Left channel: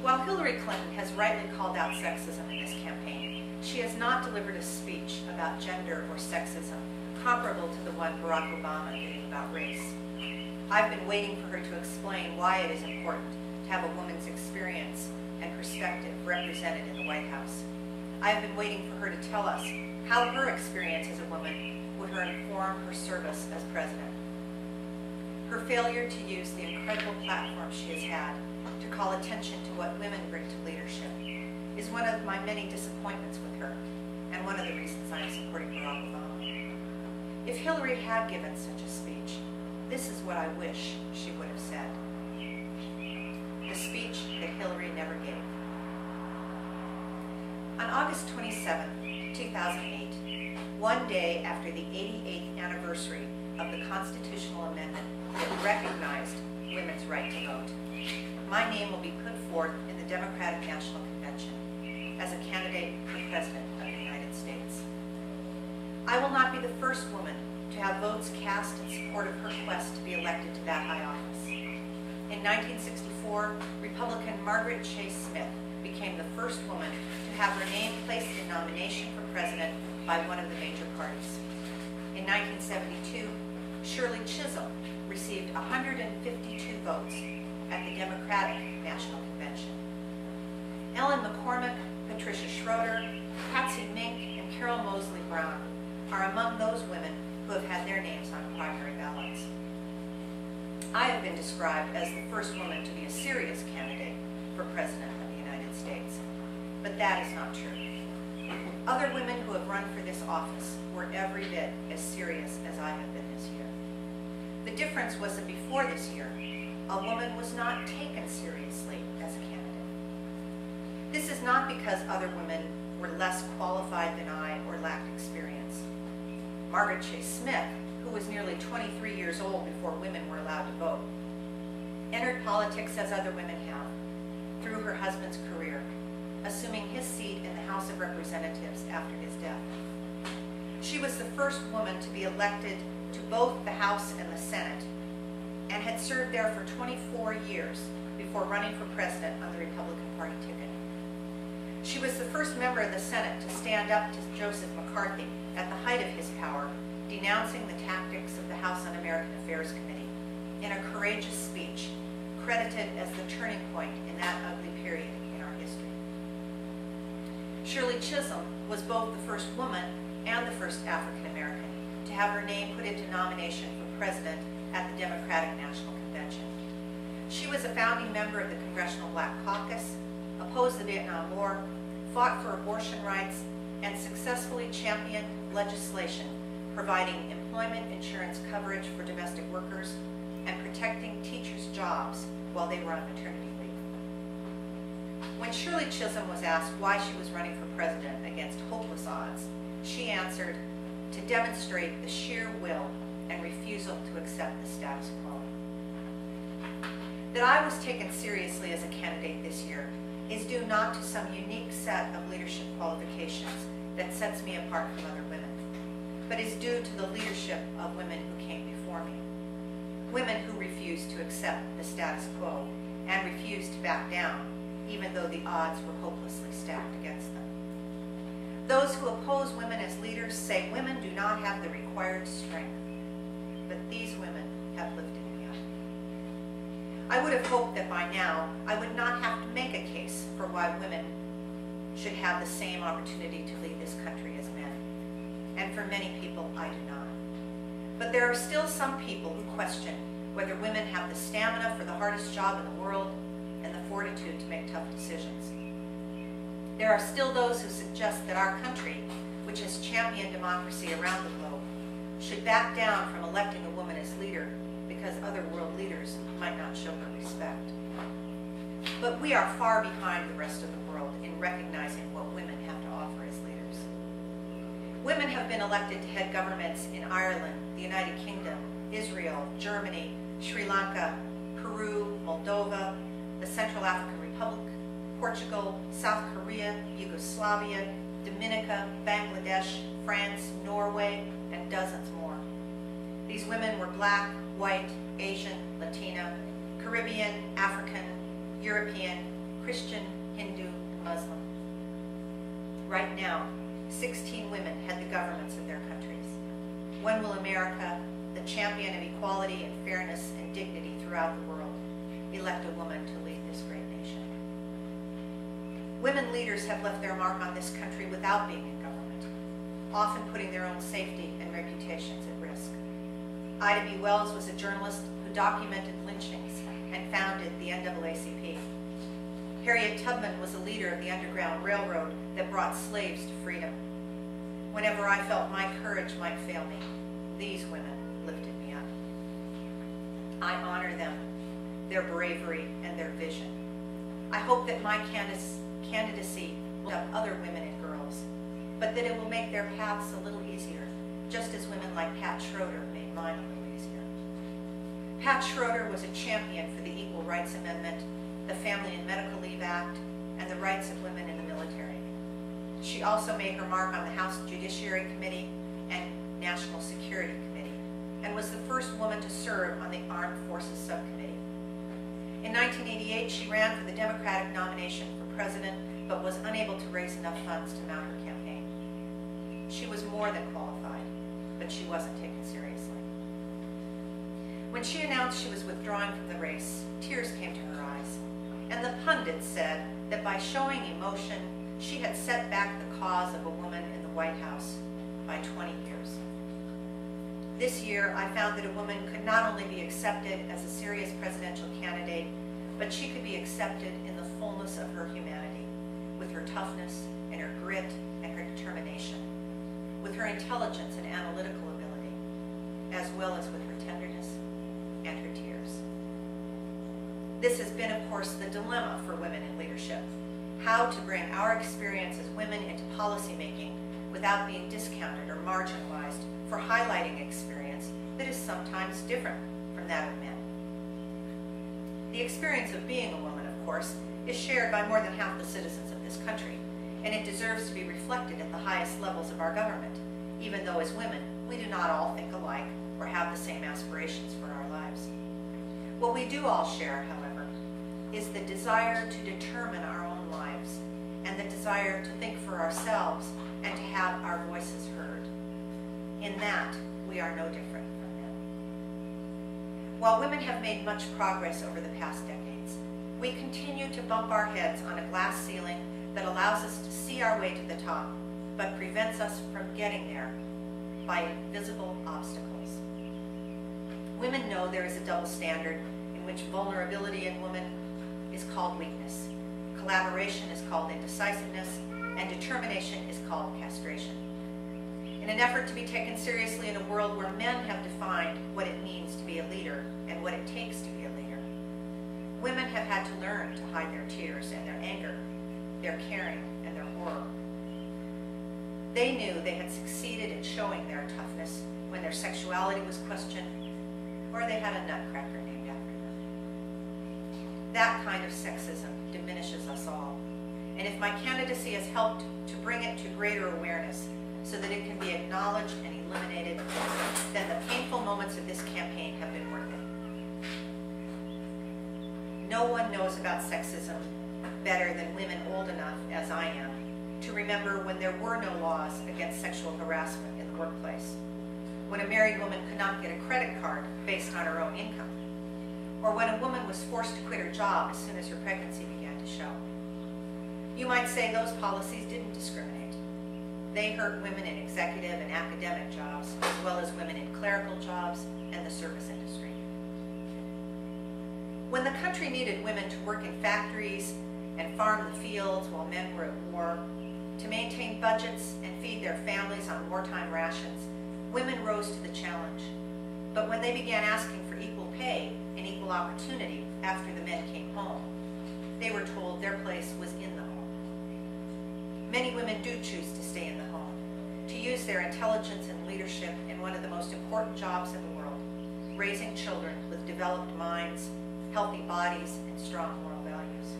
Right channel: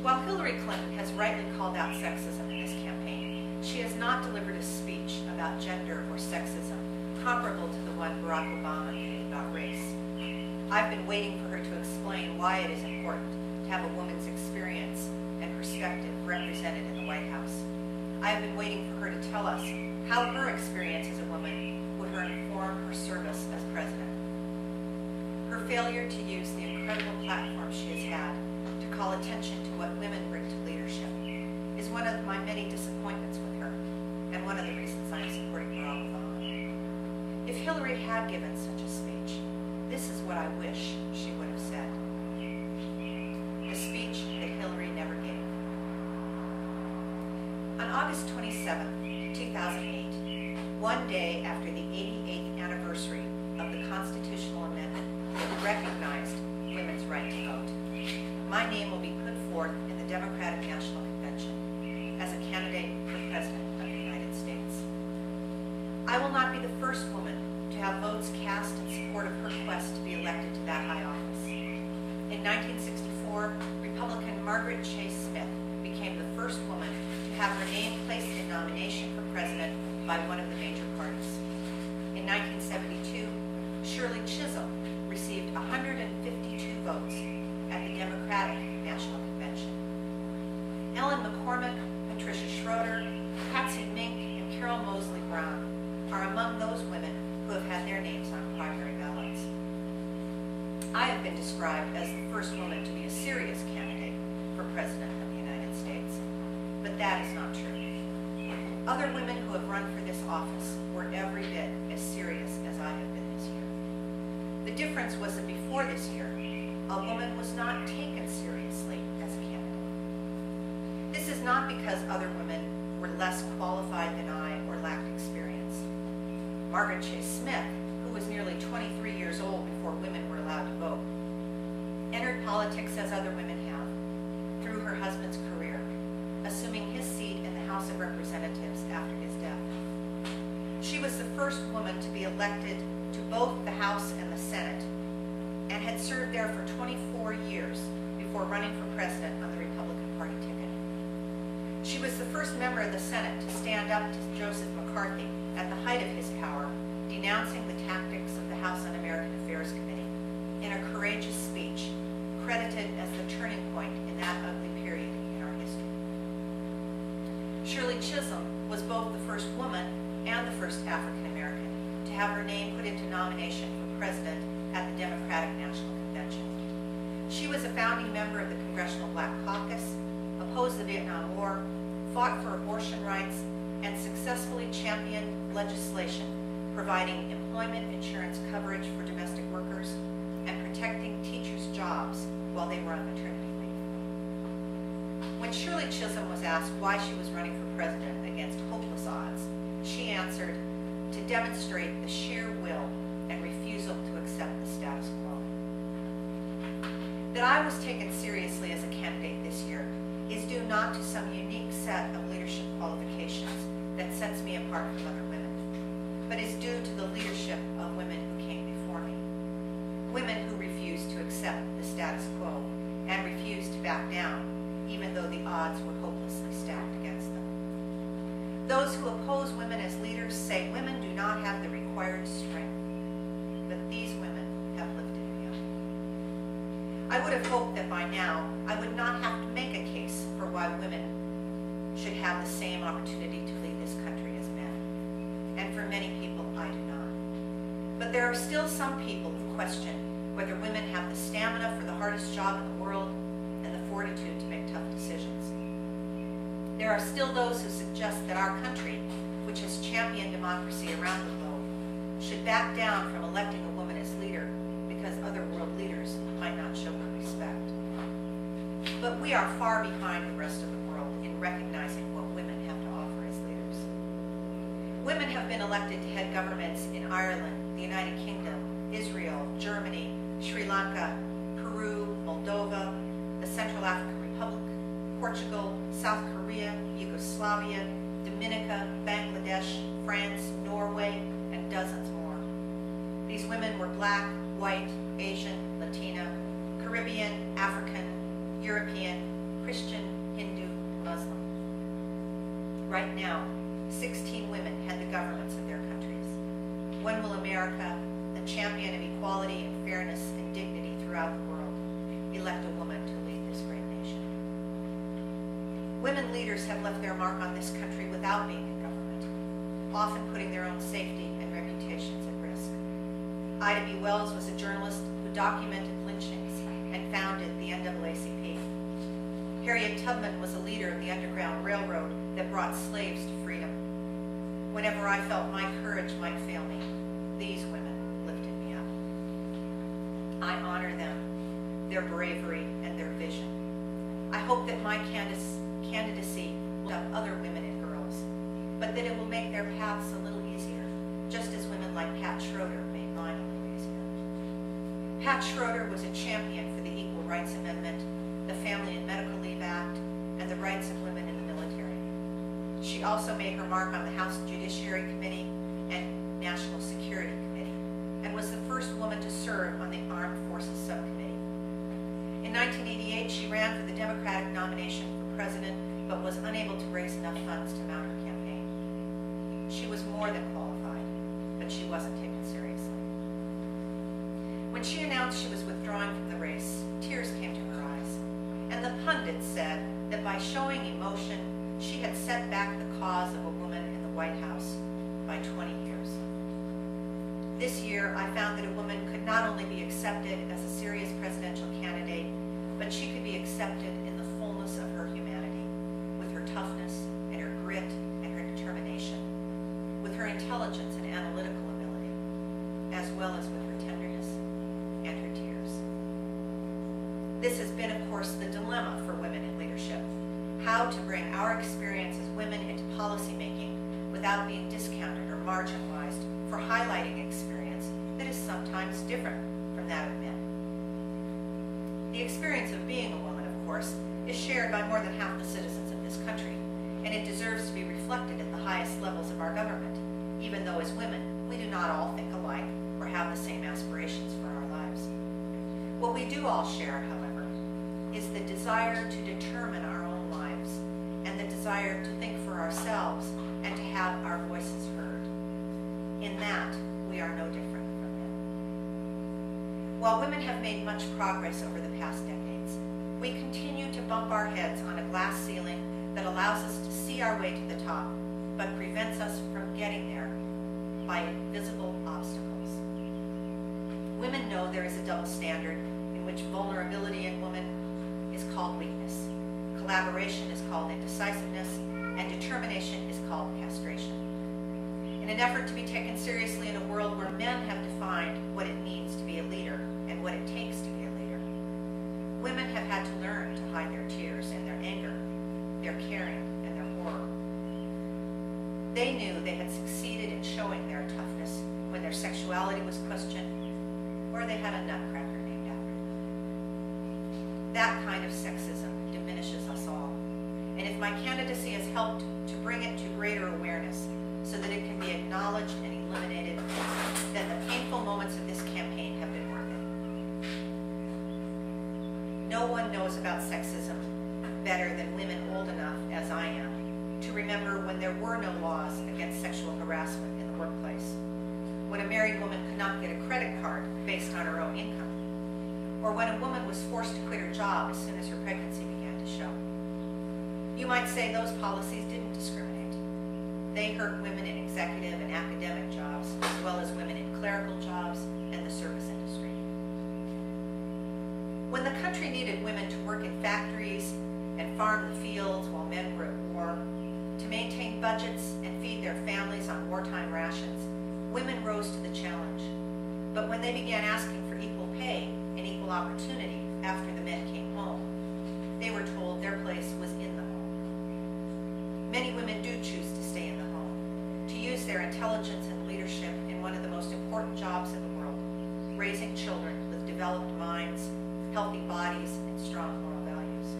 While Hillary Clinton has rightly called out sexism in this campaign, she has not delivered a speech about gender or sexism comparable to the one Barack Obama gave about race. I've been waiting for her to explain why it is important to have a woman's experience and perspective represented in the White House. I have been waiting for her to tell us how her experience as a woman would inform her service as president. Her failure to use the incredible platform she has had to call attention to what women bring to leadership is one of my many disappointments with her, and one of the reasons I am supporting Barack Obama. If Hillary had given such a speech, this is what I wish she would have said. The speech that Hillary never gave. On August 27, 2008, one day after the 88th anniversary of the constitutional amendment that recognized women's right to vote, my name will be put forth in the Democratic National Convention as a candidate for President of the United States. I will not be the first woman to have votes cast in support of her quest to be elected to that high office. In 1964, Republican Margaret Chase Smith became the first woman to have her name placed in nomination for president by one of the major parties. In 1972, Shirley Chisholm received 152 votes at the Democratic National Convention. Ellen McCormick, Patricia Schroeder, Patsy Mink, and Carol Moseley Brown are among those women who have had their names on primary ballots. I have been described as the first woman to be a serious candidate for President of the United States, but that is not true. Other women who have run for this office were every bit as serious as I have been this year. The difference was that before this year, a woman was not taken seriously as a candidate. This is not because other women were less qualified than I or lacked experience. Margaret Chase Smith, who was nearly 23 years old before women were allowed to vote, entered politics as other women have, through her husband's career, assuming his seat in the House of Representatives after his death. She was the first woman to be elected to both the House and the Senate, and had served there for 24 years before running for president on the Republican Party ticket. She was the first member of the Senate to stand up to Joseph McCarthy at the height of his power, denouncing the tactics of the House Un-American Affairs Committee in a courageous speech credited as the turning point in that ugly period in our history. Shirley Chisholm was both the first woman and the first African American to have her name put into nomination for president at the Democratic National Convention. She was a founding member of the Congressional Black Caucus, opposed the Vietnam War, fought for abortion rights, and successfully championed legislation providing employment insurance coverage for domestic workers and protecting teachers' jobs while they were on maternity leave. When Shirley Chisholm was asked why she was running for president against hopeless odds, she answered, to demonstrate the sheer will and refusal to accept the status quo. That I was taken seriously as a candidate this year is due not to some unique set of leadership qualifications that sets me apart from other women, but is due to the leadership of women who came before me. Women who refused to accept the status quo and refused to back down, even though the odds were hopelessly stacked against them. Those who oppose women as leaders say women do not have the required strength, but these women have lifted me up. I would have hoped that by now I would not have to make a case for why women should have the same opportunity to lead this country as men. And for many people, I do not. But there are still some people who question whether women have the stamina for the hardest job in the world and the fortitude to make tough decisions. There are still those who suggest that our country, which has championed democracy around the globe, should back down from electing a woman as leader because other world leaders might not show her respect. But we are far behind the rest of the world in recognizing what women have to offer as leaders. Women have been elected to head governments in Ireland, the United Kingdom, Israel, Germany, Sri Lanka, Peru, Moldova, the Central African Republic, Portugal, South Korea, Yugoslavia, Dominica, Bangladesh, France, Norway, and dozens more. These women were Black, white, Asian, Latina, Caribbean, African, European, Christian, Hindu, and Muslim. Right now, 16 women head the governments of their countries. When will America, the champion of equality and fairness and dignity throughout the world, elect a woman to lead this great nation? Women leaders have left their mark on this country without being in government, often putting their own safety and reputations at risk. Ida B. Wells was a journalist who documented lynchings and founded the NAACP. Harriet Tubman was a leader of the Underground Railroad that brought slaves to freedom. Whenever I felt my courage might fail me, these women lifted me up. I honor them, their bravery, and their vision. I hope that my candidacy will help other women and girls, but that it will make their paths a little easier, just as women like Pat Schroeder made mine a little easier. Pat Schroeder was a champion for the Equal Rights Amendment, the Family and Medical Leave Act, and the rights of women in the military. She also made her mark on the House Judiciary Committee and National Security Committee, and was the first woman to serve on the Armed Forces Subcommittee. In 1988, she ran for the Democratic nomination for president, but was unable to raise enough funds to mount her campaign. She was more than qualified, but she wasn't taken seriously. When she announced she was withdrawing from the race, tears came to her eyes, and the pundits said that by showing emotion, she had set back the cause of a woman in the White House by 20 years. This year, I found that a woman could not only be accepted as a serious presidential candidate, but she could be accepted in the fullness of her humanity, with her toughness and her grit and her determination, with her intelligence and analytical ability, as well as with her tenderness and her tears. This has been, of course, the dilemma for women in leadership: how to bring our experience as women into policymaking without being discounted or marginalized for highlighting experience that is sometimes different from that of men. The experience of being a woman, of course, is shared by more than half the citizens of this country, and it deserves to be reflected at the highest levels of our government, even though as women, we do not all think alike or have the same aspirations for our lives. What we do all share, however, is the desire to determine our own lives and the desire to think for ourselves and to have our voices heard. In that, we are no different from men. While women have made much progress over the past decades, we continue to bump our heads on a glass ceiling that allows us to see our way to the top, but prevents us from getting there by invisible obstacles. Women know there is a double standard in which vulnerability in women is called weakness, collaboration is called indecisiveness, and determination is called castration. In an effort to be taken seriously in a world where men have defined what it means to be a leader and what it takes to be a leader, women have had to learn to hide their tears and their anger, their caring and their horror. They knew they had succeeded in showing their toughness when their sexuality was questioned or they had a nutcracker named after them. That kind of sexism diminishes us all. And if my candidacy has helped to bring it to greater awareness so that it can be acknowledged and eliminated, then the painful moments of this campaign have been worth it. No one knows about sexism better than women old enough, as I am, to remember when there were no laws against sexual harassment in the workplace, when a married woman could not get a credit card based on her own income, or when a woman was forced to quit her job as soon as her pregnancy began to show. You might say those policies didn't discriminate. They hurt women in executive and academic jobs, as well as women in clerical jobs and the service industry. When the country needed women to work in factories and farm the fields while men were at war, to maintain budgets and feed their families on wartime rations, women rose to the challenge. But when they began asking for equal pay and equal opportunity after the men came home, they were told their place was in the home. Many women do choose to stay in the home, to use their intelligence and leadership in one of the most important jobs in the world, raising children with developed minds, healthy bodies, and strong moral values.